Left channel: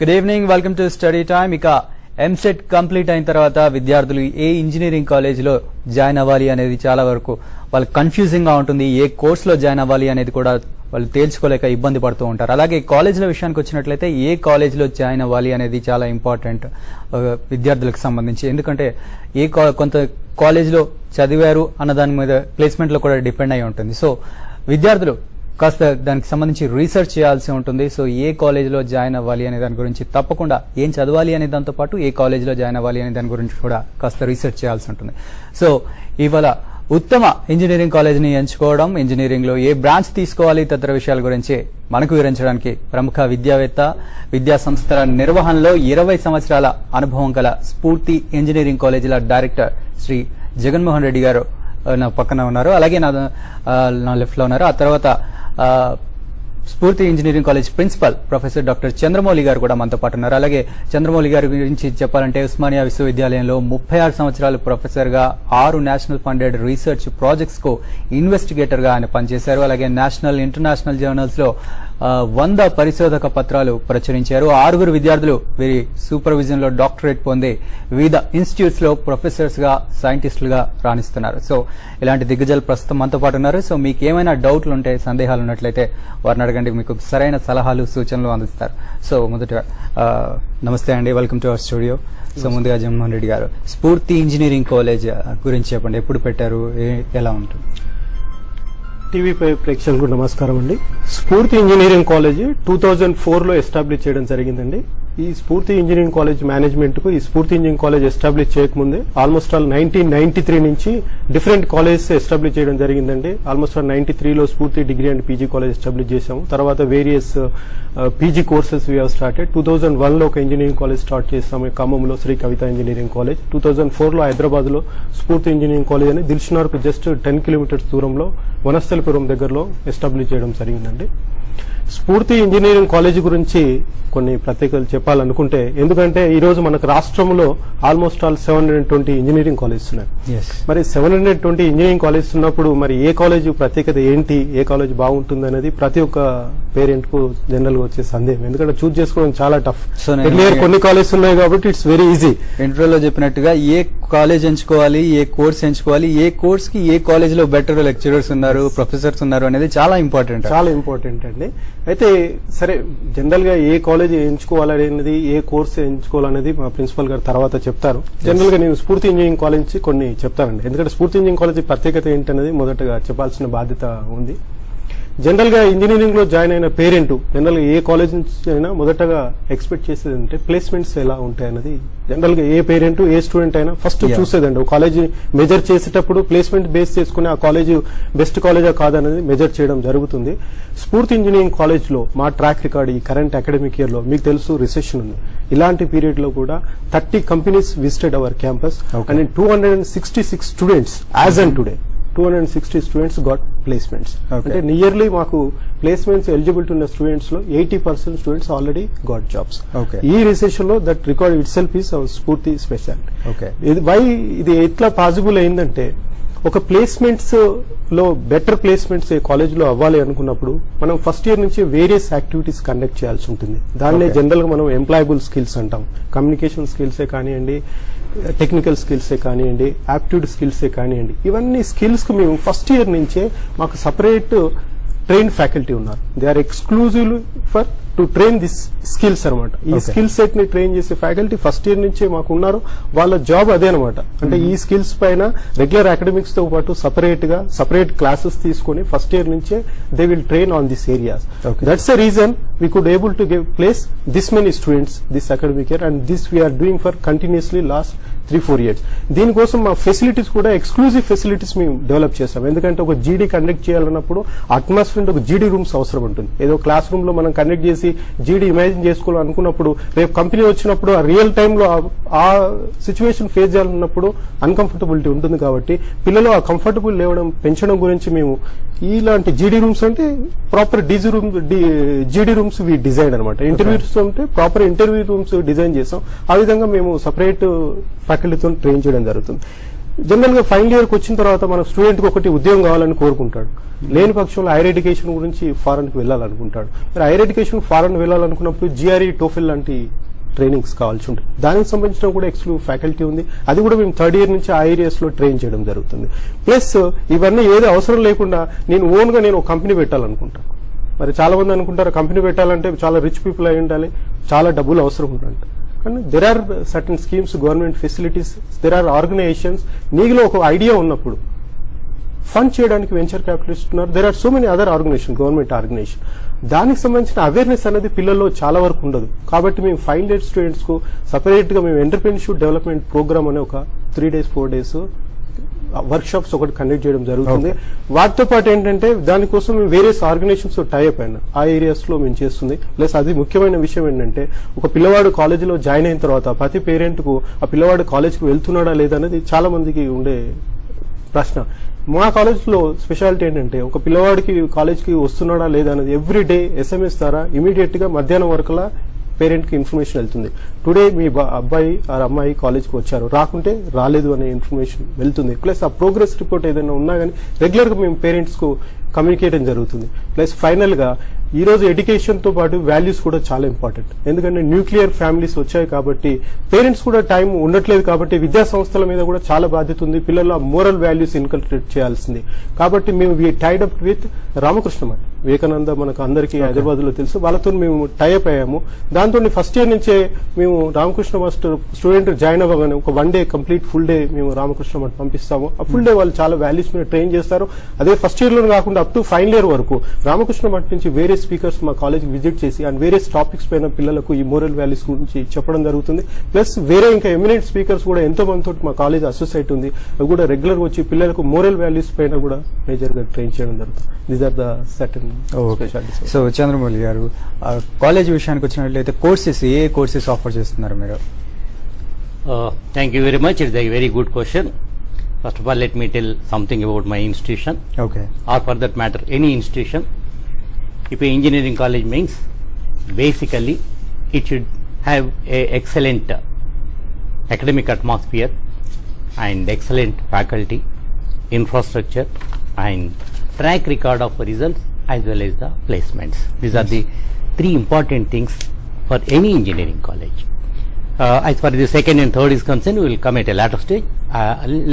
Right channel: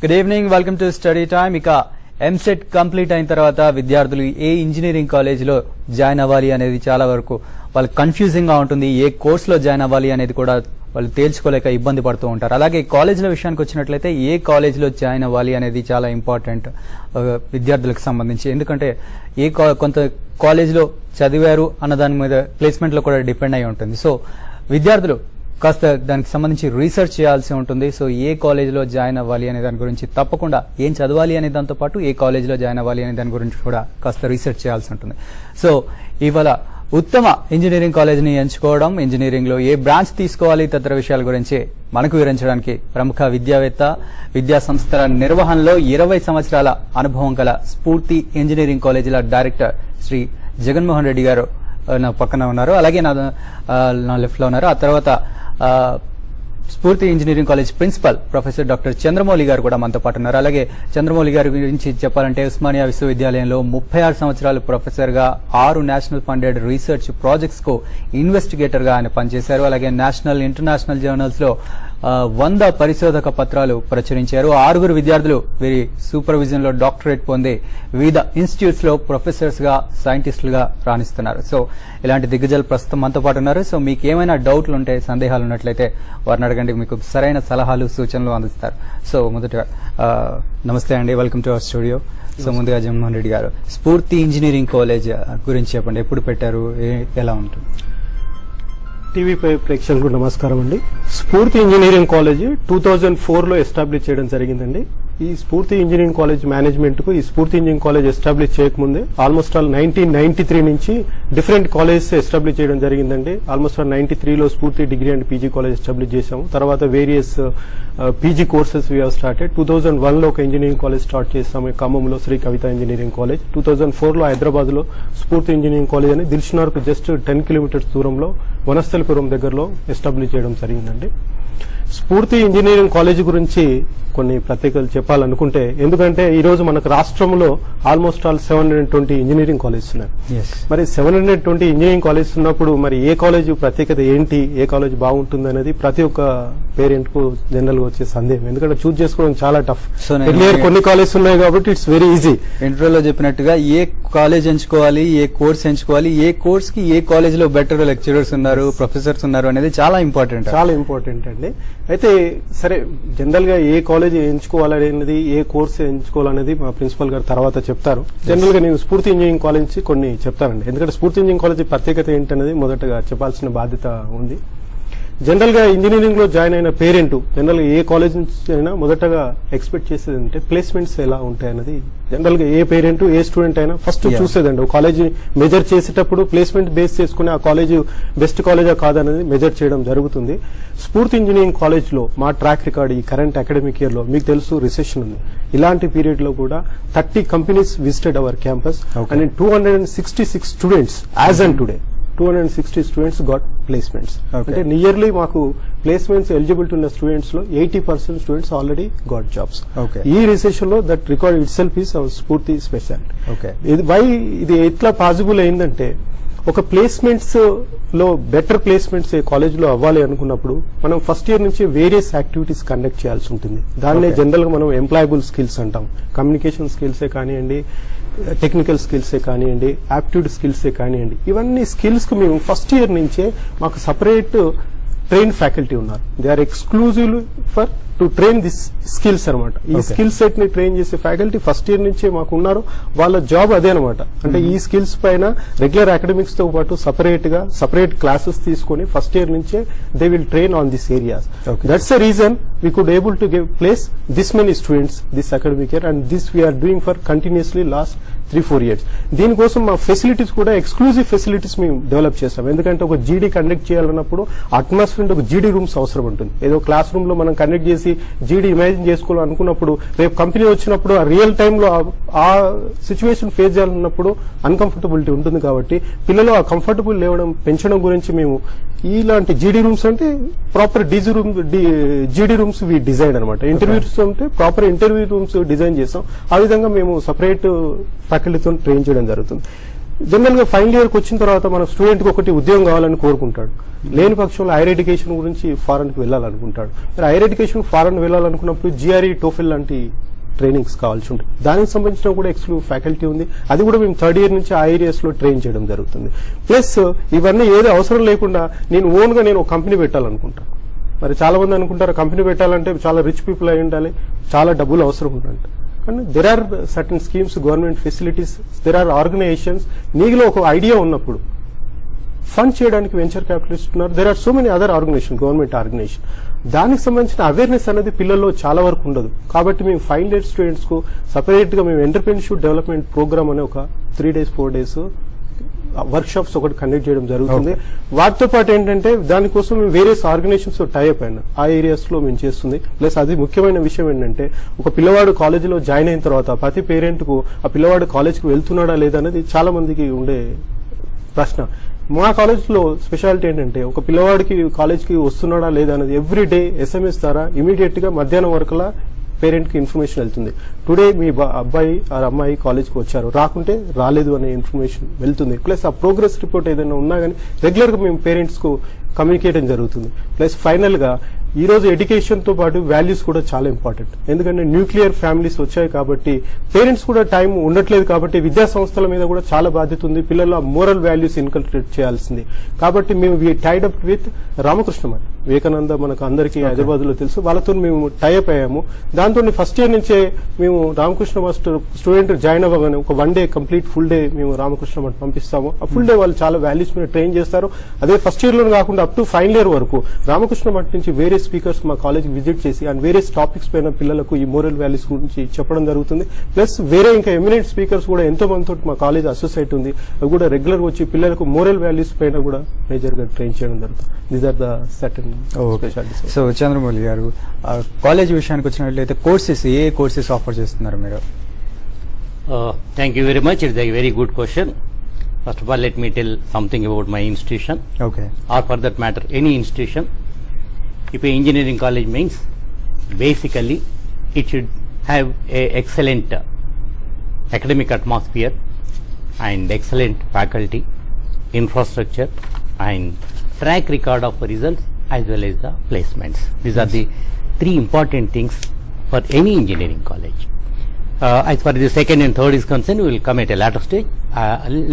Good evening, welcome to study time. ఇక EAMCET complete అయిన తర్వాత విద్యార్థులు ఏ ఇంజనీరింగ్ కాలేజ్ లో జాయిన్ అవ్వాలి అనేది చాలా వరకు వాళ్ళు కన్ఫ్యూజింగ్ గా ఉంటుంది. ఏ కోర్స్ లో జాయిన్ అవ్వాలి అనేది కూడా వాళ్ళు తేల్చుకోలేక ఇబ్బంది పడుతూ ఉంటారు. అలాగే కాలేజీల విషయానికి వచ్చినట్లయితే ఏ కాలేజ్ లో జాయిన్ అవ్వాలి అనేది చాలా ఇంపార్టెంట్ విద్యార్థులకు సంబంధించి. ఎందుకంటే కొంత కాలేజ్ లో చదివారు అన్న దాని మీద ప్లేస్మెంట్ లో కూడా డిపెండ్ అయి ఉంటుంది. సో విద్యార్థులు కాస్త దానికి సంబంధించి రీసెర్చ్ చేయాల్సి ఉంటుంది. సో ఏ కాలేజ్ లో జాయిన్ అవ్వాలి అనే దాని గురించి, తప్పకుండా ఏం చదవాలి అనే దాంతో పాటు ఏ కాలేజ్ లో జాయిన్ అవ్వాలి అనే దాని గురించి కూడా కాస్త రీసెర్చ్ చేయాల్సి ఉంటుంది. సో ఇవాళ ఉత్తమ ఇంజనీరింగ్ కాలేజ్ ని ఎంచుకోవడం, ఇంజనీరింగ్ లో ఏ బ్రాంచ్ తీసుకోవాలి తదితర విషయాల గురించి మనకు వివరించడానికి ప్రముఖ విద్యావేత్త, విద్యా సంస్థల నిర్వహణలో 20 సంవత్సరాల అనుభవం గల స్ఫూర్తి ఇంజనీరింగ్ కాలేజీల డైరెక్టర్ శ్రీ జగన్మోహన్ రెడ్డి గారు నా పక్కన ఉన్నారు. అలాగే నా లెఫ్ట్ లో ఉన్నారు. ఆ తర్వాత Sphoorthi engineering college principal professor doctor Chandramouli గారు కూడా మనతో పాటు ఉన్నారు. అలాగే చంద్రమౌళి గారి గురించి చెప్పాలంటే ఉస్మానియా విశ్వవిద్యాలయంలో 36 సంవత్సరాలు ప్రొఫెసర్ గా 6 నేషనల్ ఫండెడ్ రీసెర్చ్ ప్రాజెక్ట్స్ కు ఇన్వెస్టిగేటర్ గా ఆయన పనిచేశారు. అలాగే నేషనల్, ఇంటర్నేషనల్ జర్నల్స్ లో 100 పరిశోధక పత్రాలు ప్రచురించారు. 6 విద్యార్థులు వీరి సూపర్విజన్ లో డాక్టరేట్ పొంది వివిధ ఇన్స్టిట్యూట్స్ లో ప్రొఫెసర్స్ గా, సైంటిస్టులుగా రాణిస్తున్నారు. సో ఇలాంటి దిగ్గజాలు ప్రస్తుతం మనతో పాటు ఉన్నారు. సో మీకు ఏమైనా డౌట్లు ఉంటే, సందేహాలు ఉన్నట్లయితే వారిని అడగండి, మీకు సరైన సలహాలు, సూచనలు అందిస్తారు. సో మొదట నమస్తే అండి, welcome to our studio. So ముందుగా జగన్మోహన్ రెడ్డి గారు, స్ఫూర్తి ఇంజనీరింగ్ కాలేజ్ గురించి చెప్పండి. ఎప్పుడు పెట్టారు, ఎలా ఉంటుంది? టీవీ ప్రేక్షకులకు నమస్కారం అండి. స్ఫూర్తి ఇంజనీరింగ్ కాలేజ్ 2004 లో ఎస్టాబ్లిష్ చేయడం జరిగిందండి. ఈ స్ఫూర్తి ఇంజనీరింగ్ కాలేజ్ మేనేజ్మెంట్ కు ఈ స్ఫూర్తి ఇంజనీరింగ్ కాలేజ్ ఎస్టాబ్లిష్ చేయకముందే ఆల్మోస్ట్ ఆల్ 1993 నుంచి డిఫరెంట్ కాలేజెస్ ఎస్టాబ్లిష్ చేయడం జరిగిందండి. ఆల్మోస్ట్ ఆల్ 93 లో స్ఫూర్తి degree and PG college establish చేశాము. తర్వాత various PG courses we have started. 2001 లో ఒక ఇంజనీరింగ్ కాలేజ్ స్టార్ట్ చేస్తాము ఖమ్మంలో, శ్రీ కవిత ఇంజనీరింగ్ కాలేజ్. 2004 లో హైదరాబాద్ లో స్ఫూర్తి ఇంజనీరింగ్ కాలేజ్ అని దిల్షునార్ కు జస్ట్ 10 కిలోమీటర్స్ దూరంలో వనస్థలిపురం దగ్గరలో ఎస్టాబ్లిష్ చేయడం జరిగిందండి. స్ఫూర్తి ఇంజనీరింగ్ కాలేజ్ గురించి కొన్ని ప్రత్యేకతలు చెప్పాలనుకుంటే, ఎందుకంటే ఈ రోజు మనకు రాష్ట్రంలో ఆల్మోస్ట్ ఆల్ 720 ఇంజనీరింగ్ కాలేజెస్ ఉన్నాయి. మరి 720 ఇంజనీరింగ్ కాలేజెస్ ఉన్నప్పుడు మరి ఏ కాలేజ్ ప్రత్యేకత ఏంటి, ఏ కాలేజ్ బాగుంటుంది అనేది ప్రతి ఒక్క పేరెంట్ కు జనరల్ గా వచ్చే సందేహం. ఎందుకంటే చూస్ చేసుకోవడం చాలా టఫ్. కొన్ని కాలేజెస్ ఉన్నాయి కాబట్టి ఇట్స్ వెరీ ఈజీ. ఇంటర్వ్యూలో చెప్పినట్టుగా ఏ కాలేజ్ ఎంచుకోవాలి, ఏ కోర్స్ ఎంచుకోవాలి, ఏ కోర్స్ కి ఏ కాలేజ్ లో బెటర్ లెక్చరర్స్ ఉన్నారు, ప్రొఫెసర్స్ ఉన్నారు అనేది చాలా ఇంపార్టెంట్ అండి. అయితే సరే, జనరల్ గా ఏ కాలేజ్ ఎంచుకోవాలనేది, ఏ కోర్స్ ఎంచుకోవాలనేది మా ప్రిన్సిపల్ గారు తర్వాత చెప్తారు. జనరల్ గా నేను స్ఫూర్తి ఇంజనీరింగ్ కాలేజ్ నుంచి కొన్ని చెప్తానండి. ఎందుకంటే స్ఫూర్తి ఇంజనీరింగ్ కాలేజ్ ప్రత్యేకత ఏంటనేది మొదటగా చెప్పాల్సిన బాధ్యత ఉంది. జనరల్ గా ఇంజనీరింగ్ లో జాయిన్ అయిన పేరెంట్ జనరల్ గా ఏ కాలేజ్ నుంచి అయినా మొదటగా ఎక్స్పెక్ట్ చేసేది అంటే ప్లేస్మెంట్స్ ఎలా ఉంటాయన్నది జనరల్ గా ఏ పేరెంట్, ఏ స్టూడెంట్ అయినా ఫస్ట్ చూసేదండి. ఒక కాలేజ్ మెజర్ చేసేటప్పుడు ప్లేస్మెంట్ బేస్ చేసుకుని ఆ కాలేజ్ బెస్ట్ కాలేజా కాదనేది మెజర్ చేయడం జరుగుతుంది. స్ఫూర్తి ఇంజనీరింగ్ కాలేజ్ లో మా ట్రాక్ రికార్డ్ ఈ కరెంట్ అకాడమిక్ ఇయర్ లో మీకు తెలుసు రిసెషన్ ఉంది. ఇలాంటి పీరియడ్ లో కూడా 30 companies visited our campus and 266 students as and today 260 students got placements. అంటే నియర్లీ మాకు ప్లేస్మెంట్స్ ఎలిజిబిలిటీ ఉన్న స్టూడెంట్స్ లో 80% స్టూడెంట్స్ ఆల్రెడీ గాట్ జాబ్స్. ఈ రిసెషన్ లో that record it self is our స్ఫూర్తి స్పెషల్. ఇది ఎట్లా పాసిబుల్ అయిందంటే, ఒక ప్లేస్మెంట్స్ లో బెటర్ ప్లేస్మెంట్స్ ఏ కాలేజ్ లో అవ్వాలి అనుకున్నప్పుడు మనం ఫస్ట్ ఇయర్ నుంచి వేరియస్ యాక్టివిటీస్ కండక్ట్ చేయాల్సి ఉంటుంది. దాన్నే జనరల్ గా మనం ఎంప్లాయబుల్ స్కిల్స్ అంటాం. కమ్యూనికేషన్ స్కిల్సే కానివ్వండి, టెక్నికల్ స్కిల్సే కానివ్వండి, యాప్టిట్యూడ్ స్కిల్సే కానివ్వండి, ఇవన్నీ స్కిల్స్ కు మేము ఫస్ట్ ఇయర్ నుంచే మాకు సపరేట్ ట్రైన్ ఫ్యాకల్టీ ఉన్నారు. They are exclusive for to train this skills అనమాట. ఈ స్కిల్ సెట్ ని ట్రైన్ చేసే ఫ్యాకల్టీ ఫస్ట్ ఇయర్ నుంచే మాకు ఉన్నారు. వాళ్ళ జాబ్ అదే అనమాట. అంటే ఈ స్కిల్స్ పైన రెగ్యులర్ అకాడమిక్స్ తో పాటు సపరేట్ క్లాసెస్ తీసుకుని ఫస్ట్ ఇయర్ నుంచే they will train on this areas. That's the reason we could able to give place this many students this academic year and this we are doing for continuously last 3-4 years. దీనికోసం మా facilities కూడా exclusive facilities మేము develop చేస్తాం. ఎందుకంటే ఒక జీడీ conduct చేయాలన్నప్పుడు atmosphere ఒక జీడీ రూమ్స్ అవసరం ఉంటుంది. ఏదో క్లాస్ రూమ్ లో మనం కండక్ట్ చేసి జీడీ ఇమాజిన్ చేసుకోవాలనుకున్నప్పుడు రేపు కంపెనీ వచ్చినప్పుడు ఆ రియల్ టైమ్ లో ఆ సిచ్యువేషన్ ఫేస్ చేయాలన్నప్పుడు అన్కంఫర్టబిలిటీ ఉంటుంది. కాబట్టి పిల్లలు ఆ కంఫర్టబుల్ లేవడం పెంచడం గురించి మేము ఇలాంటి జీడీ రూమ్స్ అంటే ప్రాపర్ జీడీ రూమ్స్ వి డిజైన్ అనమాట. ఇంటర్వ్యూస్ అంటే ప్రాపర్ ఇంటర్వ్యూ రూమ్స్ డిజైన్ చేస్తాం. ఆ విధంగా మేము సపరేట్ ఫ్యాకల్టీతో ట్రైన్ చేయడం జరుగుతుంది. జనరల్ గా ఫైనల్ ఇయర్ కి వచ్చిన తర్వాత మన స్టూడెంట్ కి ఒకటి ఉద్యోగం కావాలని కోరుకుంటాడు. లేని పక్షంలో హైయర్ ఎడ్యుకేషన్ గురించి ఫారెన్ కి వెళ్ళాలనుకుంటాడు. హైయర్ ఎడ్యుకేషన్ ఫారెన్ వెళ్ళాలనుకున్నప్పుడు జిఆర్ఈ టోఫెల్ లాంటి ట్రైనింగ్స్ కావాల్సి ఉంటుంది. దానికి సంబంధించిన కూడా ఎక్స్క్లూజివ్ ఫ్యాకల్టీ ఉంది. అది కూడా మేము థర్డ్ ఇయర్ నుంచి ఆ ఏరియాస్ లో ట్రైన్ చేయడం జరుగుతుంది. ప్లస్ ఇవన్నీ ఏది అవసరం లేకుండా నేను ఓన్ గా నేను ఒక కంపెనీ పెట్టాలనుకుంటాను. మరి చాలా మంది అనుకుంటారు కంపెనీ పెట్టాలంటే చాలా రిచ్ పీపుల్ అయి ఉండాలి, చాలా డబ్బులు అవసరం ఉండాలి. కానీ there are certain schemes, government facilities, there are organisations. నీలో ఒక ఐడియా ఉన్నప్పుడు ఫండ్ చేయడానికి వెంచర్ క్యాపిటలిస్ట్ ఉన్నారు. There are so many other organisation, government organisation. దానికి సంబంధించిన అవేర్నెస్ అనేది పిల్లల్లో చాలా వరకు ఉండదు. కాబట్టి మేము ఫైనల్ ఇయర్ స్టూడెంట్స్ కు సపరేట్ గా మేము ఎంటర్‌ప్రెన్యూర్‌షిప్ డెవలప్మెంట్ ప్రోగ్రామ్ అనే ఒక 3 days 4 days వర్క్ షాప్స్ ఒకటి కండక్ట్ చేయడం జరుగుతుంది. వాటితో పాటు ఏంటంటే దానికోసం మేము వేరియస్ ఆర్గనైజేషన్స్ తో టైఅప్ అయినా ఆ ఏరియాస్ లో మేము చేస్తుంది. ప్లస్ అది ముఖ్యమైన విషయం ఏంటంటే ఒక పిల్లవాడు కాలేజీలో జాయిన్ అయిన తర్వాత ప్రతి పేరెంట్ కు ఆ పిల్లవాడు కాలేజ్ కి వెళ్తున్నాడా లేదా అనేది చాలా మందికి ఉండే ప్రశ్న. మా కాలేజ్ లో స్పెషాలిటీ ఏంటంటే ఒక పిల్లవాడికి కాలేజ్ కి వస్తున్నాడా లేదా అనేది ఎవ్రీ డే SMS ద్వారా ఇమీడియట్ గా మధ్యాహ్నం వరకులా పేరెంట్ కి ఇన్ఫర్మేషన్ వెళ్తుంది. టుడే మీ అబ్బాయి ఆ అమ్మాయి కాలేజ్ కి వచ్చారు, రాకుంటే రాలేదు అనే ఇన్ఫర్మేషన్ వెళ్తుంది. ప్లస్ ఆ ప్రోగ్రెస్ రిపోర్ట్ ఏదైనా ఉన్నా కానీ రెగ్యులర్ గా మేము పేరెంట్స్ కు కమ్యూనికేట్ జరుగుతుంది. ప్లస్ ఫైనల్ గా ఈ రోజు ఎడ్యుకేషన్ తో పాటు వాల్యూస్ కూడా చాలా ఇంపార్టెంట్. ఎందుకంటే న్యూక్లియర్ ఫ్యామిలీస్ వచ్చాయి కాబట్టి పేరెంట్స్ కూడా టైం ఉండట్లేదు. కాబట్టి విద్యా సంస్థల మీద కూడా చాలా బాధ్యత ఉంది. పిల్లలు ఆ మోరల్ వాల్యూస్ ఇన్కల్ట్రేట్ చేయాల్సింది. కాబట్టి మేము tied up with Ramakrishna Math, Vivekananda మనకు అందరికీ హైదరాబాద్ లో తెలుసు, వాళ్ళతో మేము టైఅప్ అయ్యాము. దాంతో ఫస్ట్ ఇయర్ నుంచే మేము రామకృష్ణ మఠ్ స్టూడెంట్ జాయిన్ అవ్వగానే ఒక 1 day కంప్లీట్ ఫుల్ డే మేము రామకృష్ణ మఠ్ పంపిస్తాము. ఆ ఫుల్ డే వాళ్ళు చాలా వాల్యూస్ మీద ట్రైన్ చేస్తారు. అదే ఫస్ట్ ఇయర్ లో కాకుండా అప్ టు ఫైనల్ ఇయర్ వరకు రామకృష్ణ మఠ్ నుంచి వేరే స్పీకర్స్ మా కాలేజ్ విజిట్ చేసి అండ్ వేరే టాపిక్స్ పైన పిల్లలకు ఈ మోరల్ వాల్యూస్ గురించి చెప్పడం జరుగుతుంది. ప్లస్ వేరే ఇంకా ఎమినెంట్ స్పీకర్స్ కూడా ఎంతో మందితో మా కాలేజ్ అసోసియేట్ ఉంది. అవి కూడా రెగ్యులర్ వచ్చి పిల్లలకు మోరల్ వాల్యూస్ పైన కూడా మేజర్ గా ట్రైన్ చేయడం జరుగుతుంది. These are the certain specialities. So Chandramouli గారు, కాలేజ్ విషయానికి వచ్చినట్లయితే కోర్సెస్ ఏ కోర్సెస్ ఆఫర్ చేస్తున్నారు మీరు? Thank you very much. It's a very good question. First of all, let me tell something about my institution, okay, or for that matter, any institution. If a engineering college means, basically, it should have a excellent academic atmosphere and excellent faculty, infrastructure, and track record of results as well as the placements. These are the 3 important things for any engineering college. As far as the second and third is concerned, we will come at a later stage.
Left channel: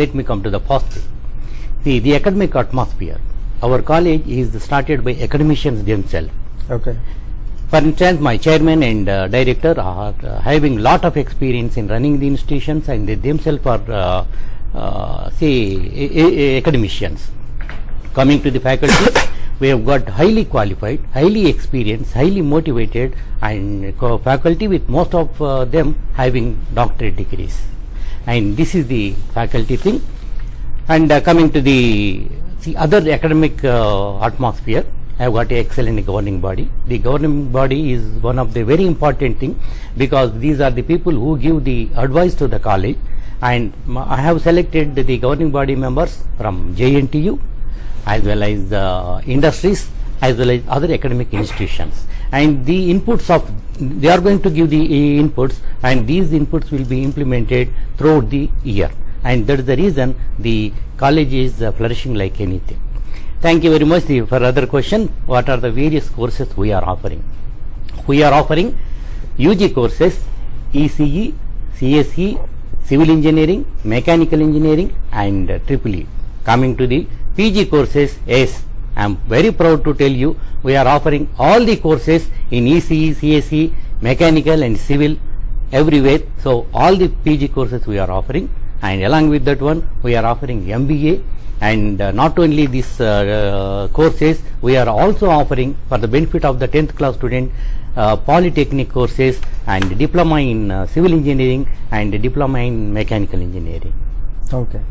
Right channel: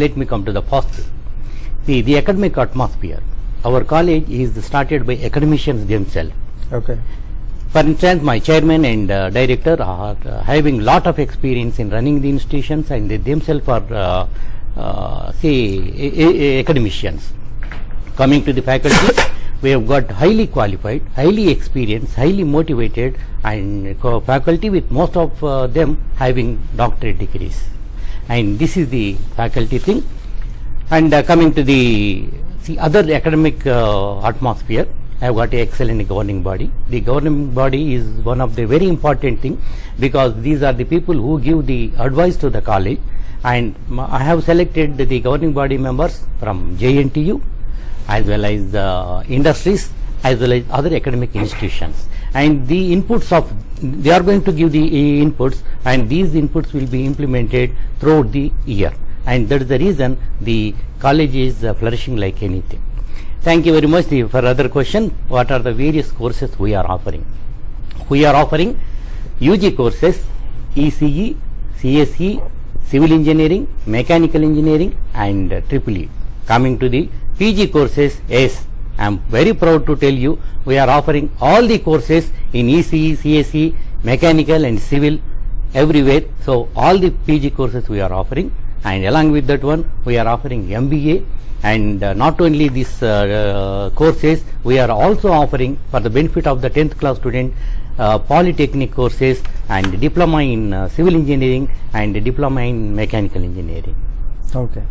Let me come to the first thing. The academic atmosphere. Our college is started by academicians themselves. Okay. For instance, my chairman and director are having lot of experience in running the institutions, and they themselves are, academicians. Coming to the faculty, we have got highly qualified, highly experienced, highly motivated, and faculty with most of them having doctorate degrees. And this is the faculty thing. And coming to the other academic atmosphere, I have got an excellent governing body. The governing body is one of the very important thing, because these are the people who give the advice to the college. And I have selected the governing body members from JNTU, as well as industries, as well as other academic institutions. And the inputs of, they are going to give the inputs, and these inputs will be implemented throughout the year. And that is the reason the college is flourishing like anything. Thank you very much. For other question, what are the various courses we are offering? We are offering UG courses, ECE, CSE, Civil Engineering, Mechanical Engineering, and EEE. Coming to the PG courses, yes, I am very proud to tell you we are offering all the courses in ECE, CSE, Mechanical and Civil everywhere. So all the PG courses we are offering, and along with that one we are offering MBA. And not only these courses, we are also offering for the benefit of the 10th class student polytechnic courses and diploma in civil engineering and diploma in mechanical engineering. Okay.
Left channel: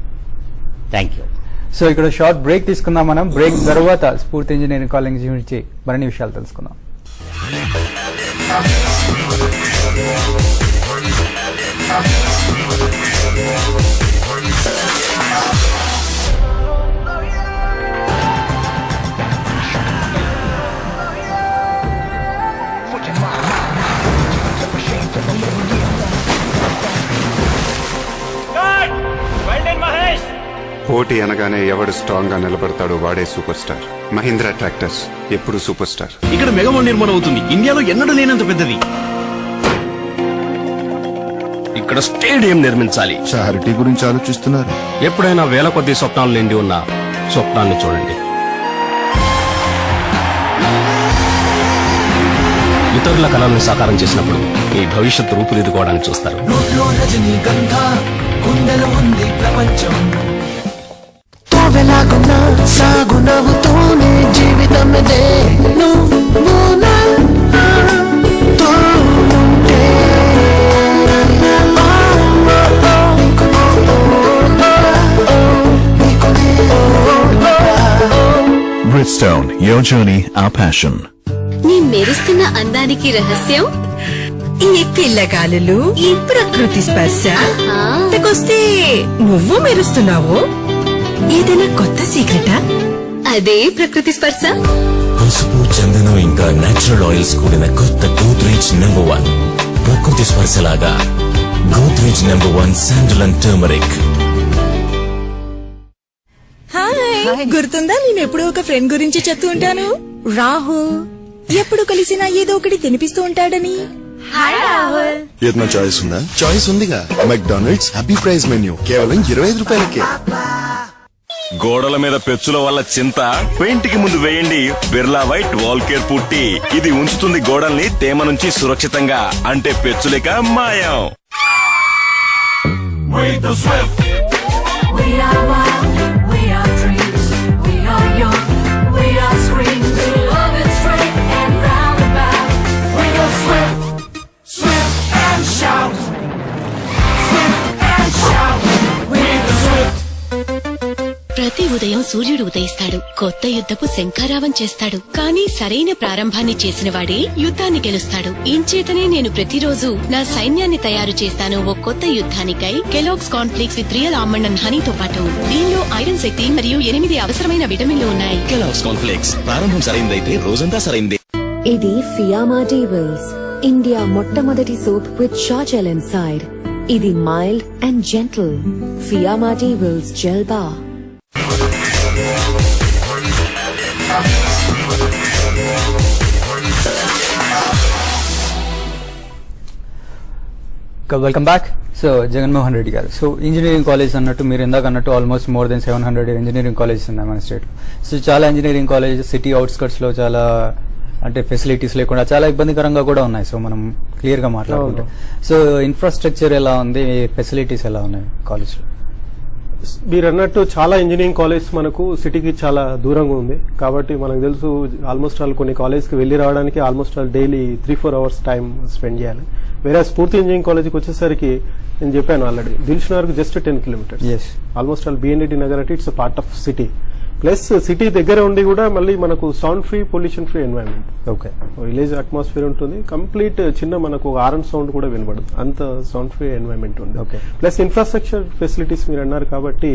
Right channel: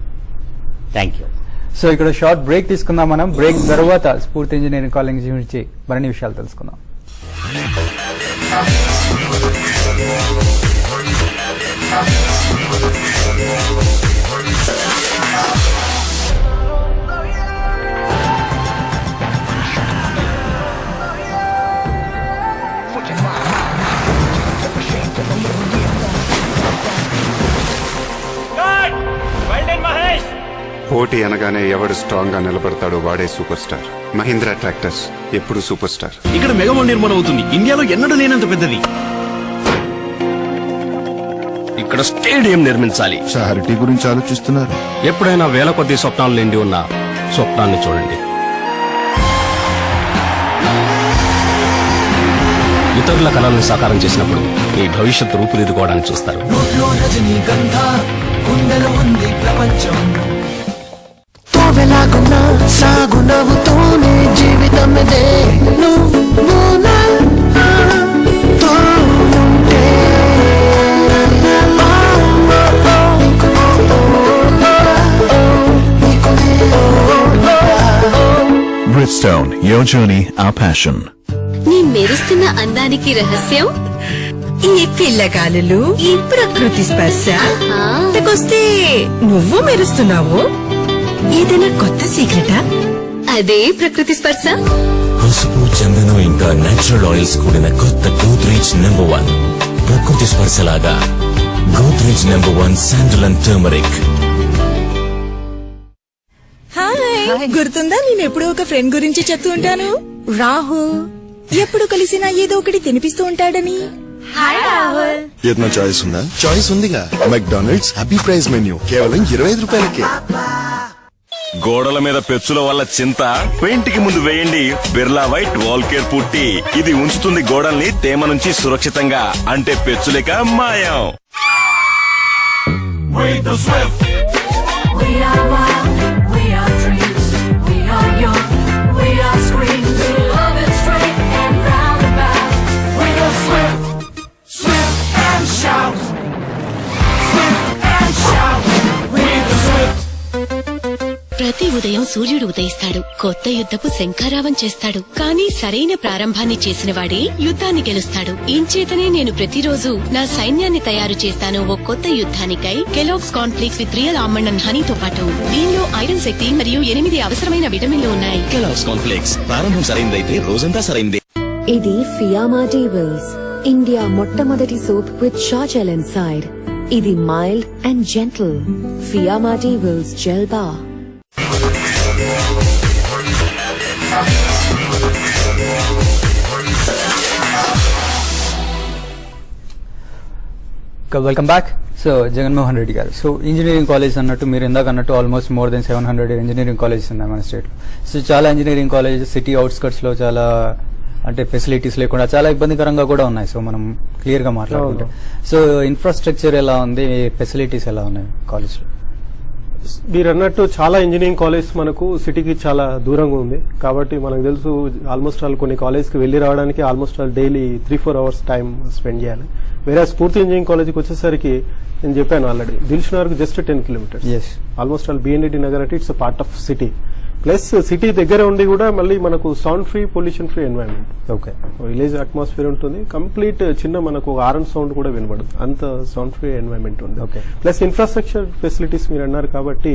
Thank you. So ఇక్కడ short break తీసుకుందాం. మనం break తర్వాత Sphoorthi engineering college గురించి మరిన్ని విషయాలు తెలుసుకుందాం. Welding Mahesh! పోటీ అనగానే ఎవడు స్ట్రాంగ్ గా నిలబడతాడో వాడే సూపర్ స్టార్. మహీంద్రా ట్రాక్టర్స్ ఎప్పుడు సూపర్ స్టార్. ఇక్కడ మెగా నిర్మాణం అవుతుంది, ఇండియాలో ఎన్నడూ లేనంత పెద్దది. ఇక్కడ స్టేడియం నిర్మించాలి. చారిటీ గురించి ఆలోచిస్తున్నారు. ఎప్పుడైనా వేల కొద్ది స్వప్నాలు నిండి ఉన్న స్వప్నాన్ని చూడండి. ఇతరుల కళలను సాకారం చేసినప్పుడు ఈ భవిష్యత్తు రూపుదిద్దుకోవడానికి చూస్తారు. Bridgestone, your journey, our passion. నీ మెరుస్తున్న అందానికి రహస్యం ఈ పిల్లగాలులు, ఈ ప్రకృతి స్పర్శ వస్తే నువ్వు మెరుస్తున్నావు. ఏదైనా కొత్త సీక్రెటా? అదే ప్రకృతి స్పర్శ. పసుపు, చందనం ఇంకా నేచురల్ ఆయిల్స్ కూడిన కొత్త గోద్రేజ్ నంబర్ 1 ప్రకృతి స్పర్శలాగా Godrej number 1 sandal and turmeric. Hi, గుర్తుందా నేను ఎప్పుడో ఒక ఫ్రెండ్ గురించి చెప్తూ ఉంటాను, రాహుల్. ఎప్పుడు కలిసినా ఏదో ఒకటి తినిపిస్తూ ఉంటాడని. హాయ్ రాహుల్. ఏదైనా చాయిస్ ఉందా? చాయిస్ ఉందిగా. మెక్డానల్డ్స్ హ్యాపీ ప్రైస్ మెన్యూ కేవలం 25 రూపాయలకే. గోడల మీద పెచ్చుల వల్ల చింత పెయింటింగ్ ముందు వేయండి బిర్లా వైట్ వాల్ కేర్ పుట్టి. ఇది ఉంచుతుంది గోడల్ని తేమ నుంచి సురక్షితంగా, అంటే పెచ్చులేక మాయం. ప్రతి ఉదయం సూర్యుడు ఉదయిస్తాడు, కొత్త యుద్ధపు శంఖారావం చేస్తాడు. కానీ సరైన ప్రారంభాన్ని చేసిన వాడే యుద్ధాన్ని గెలుస్తాడు. ఇంచేతనే నేను ప్రతిరోజు నా సైన్యాన్ని తయారు చేస్తాను ఓ కొత్త యుద్ధానికై. Kellogg's cornflakes with real almond and హనీతో పాటు దీనిలో ఐరన్ శక్తి మరియు 8 అవసరమైన విటమిన్లు ఉన్నాయి. కెలాగ్స్ కాన్ఫ్లెక్స్ ప్రారంభం సరైందైతే రోజంతా సరైందే. ఇది ఫియామా డీవెల్స్, ఇండియా మొట్టమొదటి soap with shower gel inside. ఇది mild and gentle. Fiama Di Wills gel bar. Welcome back. So Jaganmohan Reddy garu, so engineering college అన్నట్టు మీరు ఇందాక అన్నట్టు almost more than 700 engineering colleges ఉన్నాయి మన స్టేట్ లో. సో చాలా ఇంజనీరింగ్ కాలేజ్ సిటీ అవుట్స్కట్స్ లో చాలా అంటే ఫెసిలిటీస్ లేకుండా చాలా ఇబ్బందికరంగా కూడా ఉన్నాయి. సో మనం క్లియర్ గా మాట్లాడుకుంటే, సో ఇన్ఫ్రాస్ట్రక్చర్ ఎలా ఉంది, ఫెసిలిటీస్ ఎలా ఉన్నాయి కాలేజ్ లో? మీరు అన్నట్టు చాలా ఇంజనీరింగ్ కాలేజ్ మనకు సిటీకి చాలా దూరంగా ఉంది. కాబట్టి మనకు తెలుసు ఆల్మోస్ట్ ఆల్ కొన్ని కాలేజ్ కి వెళ్లి రావడానికి almost all daily 3-4 hours time spend చేయాలి. వేరే స్ఫూర్తి ఇంజనీరింగ్ కాలేజ్కి వచ్చేసరికి నేను చెప్పాను already, Dilsukh just 10 kilometres. Almost all BN Reddy Nagar అంటే it's part of city. Plus city దగ్గర ఉండి కూడా మళ్ళీ మనకు sound free, pollution free environment. Okay, village atmosphere ఉంటుంది. కంప్లీట్ చిన్న మనకు హారన్ సౌండ్ కూడా వినబడదు, అంత సౌండ్ ఫ్రీ ఎన్వైరన్మెంట్ ఉంది. ఓకే, ప్లస్ ఇన్ఫ్రాస్ట్రక్చర్ ఫెసిలిటీస్ మీరు అన్నారు కాబట్టి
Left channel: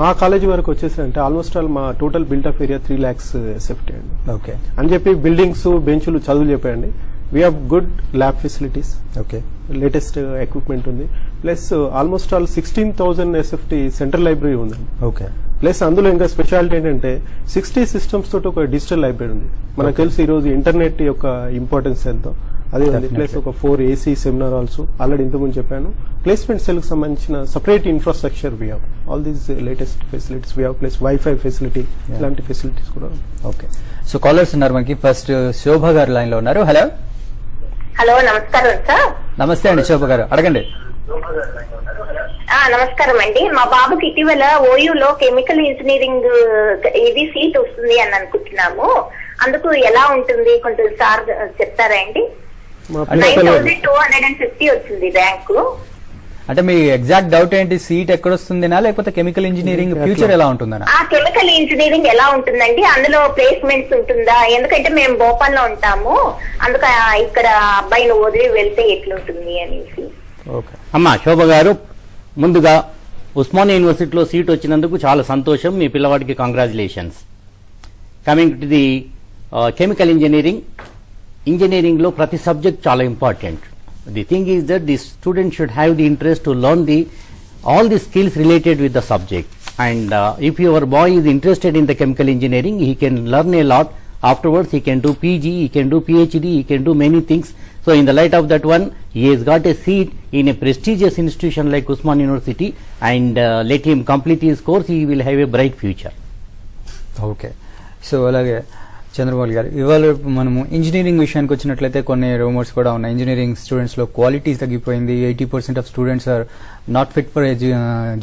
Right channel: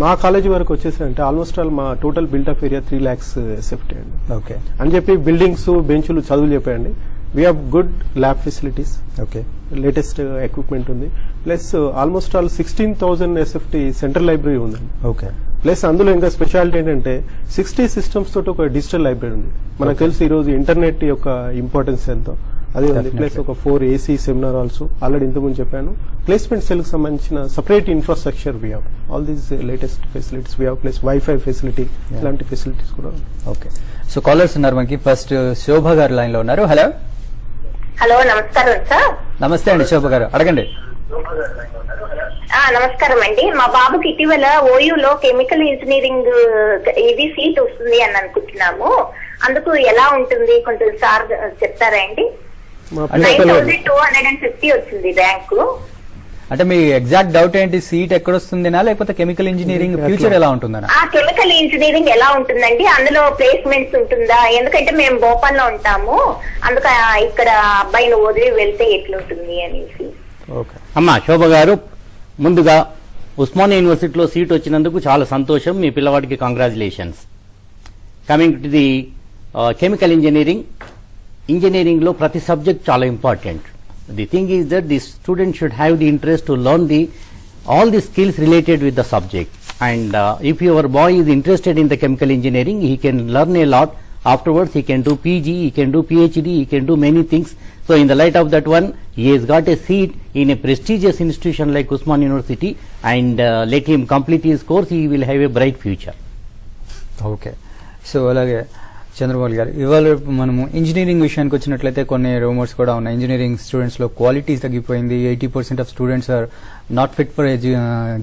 మా కాలేజ్ వరకు వచ్చేసి అంటే ఆల్మోస్ట్ ఆల్ మా total buildup area 3 lakhs SFT అండి. ఓకే అని చెప్పి బిల్డింగ్స్, బెంచులు, చదువు చెప్పండి. We have good lab facilities, okay, latest equipment ఉంది. Plus almost all 16,000 SFT central library ఉంది. ఓకే, ప్లస్ అందులో ఇంకా స్పెషాలిటీ ఏంటంటే 60 సిస్టమ్స్ తోటి ఒక డిజిటల్ లైబ్రరీ ఉంది. మనకు తెలుసు ఈ రోజు ఇంటర్నెట్ యొక్క ఇంపార్టెన్స్ ఎంతో. అది ప్లస్ ఒక 4 AC సెమినార్ హాల్స్ ఆల్రెడీ ఇంతకుముందు చెప్పాను. ప్లేస్మెంట్ సెల్ సంబంధించిన separate infrastructure we have all these latest facilities we have. Plus wifi facility, ఇలాంటి ఫెసిలిటీస్ కూడా. ఓకే, సో కాలర్స్ ఉన్నారు మనకి. ఫస్ట్ శోభ గారు లైన్ లో ఉన్నారు. హలో హలో, నమస్కారం సార్. నమస్తే అండి శోభ గారు, అడగండి. నమస్కారం అండి. మా బాబుకి ఇటీవల ఓయూలో కెమికల్ ఇంజనీరింగ్ ఇది సీట్ వస్తుంది అని అనుకుంటున్నాము. అందుకు ఎలా ఉంటుంది కొంచెం సార్ చెప్తారా అండి? 9,250 వచ్చింది ర్యాంకు. అంటే మీ ఎగ్జాక్ట్ డౌట్ ఏంటి, సీట్ ఎక్కడ వస్తుందినా లేకపోతే కెమికల్ ఇంజనీరింగ్ ఫ్యూచర్ ఎలా ఉంటుందా? కెమికల్ ఇంజనీరింగ్ ఎలా ఉంటుందండి, అందులో ప్లేస్మెంట్స్ ఉంటుందా? ఎందుకంటే మేము భోపాల్లో ఉంటాము, అందుకు ఇక్కడ అబ్బాయిని వదిలి వెళ్తే ఎట్లుంటుంది అనేసి. అమ్మా శోభ గారు, ముందుగా ఉస్మానియా యూనివర్సిటీలో సీట్ వచ్చినందుకు చాలా సంతోషం. మీ పిల్లవాడికి congratulations. Coming to the chemical engineering లో ప్రతి సబ్జెక్ట్ చాలా important. The thing is that the student should have the interest to learn all the skills related with the subject. And if your boy is interested in the chemical engineering, he can learn a lot. Afterwards, he can do PG, he can do PhD, he can do many things. So in the light of that one, he has got a seat in a prestigious institution like Usman University, and let him complete his course, he will have a bright future. Okay, so అలాగే చంద్రబాబు గారు, ఇవాళ మనము engineering విషయానికి వచ్చినట్లయితే కొన్ని rumours కూడా ఉన్నాయి. Engineering students లో క్వాలిటీ తగ్గిపోయింది, 80% of students are not fit for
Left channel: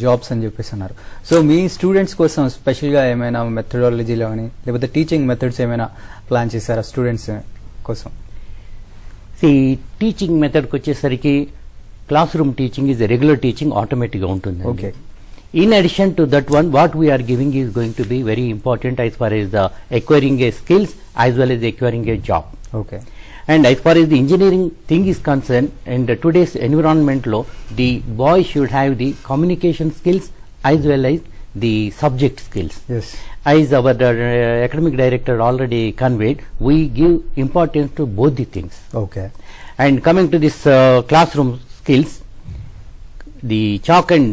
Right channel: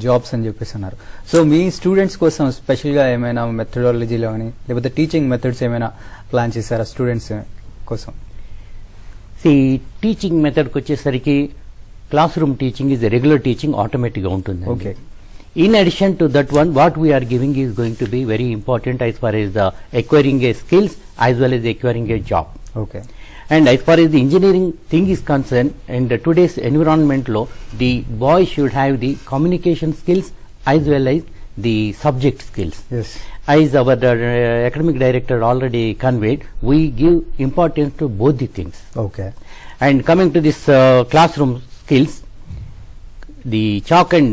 jobs అని చెప్పేసి అన్నారు. సో మీ స్టూడెంట్స్ కోసం స్పెషల్ గా ఏమైనా మెథడాలజీలో అని లేకపోతే టీచింగ్ మెథడ్స్ ఏమైనా ప్లాన్ చేశారా స్టూడెంట్స్ కోసం? టీచింగ్ మెథడ్ వచ్చేసరికి classroom teaching is regular teaching, automatic గా ఉంటుంది. Okay. In addition to that one, what we are giving is going to be very important as far as acquiring a skills as well as acquiring a job. Okay. And as far as the engineering thing is concerned, in today's environment law, the boy should have the communication skills as well as the subject skills. Yes. As our academic director already conveyed, we give importance to both the things. Okay. And coming to this classroom skills, the chalk and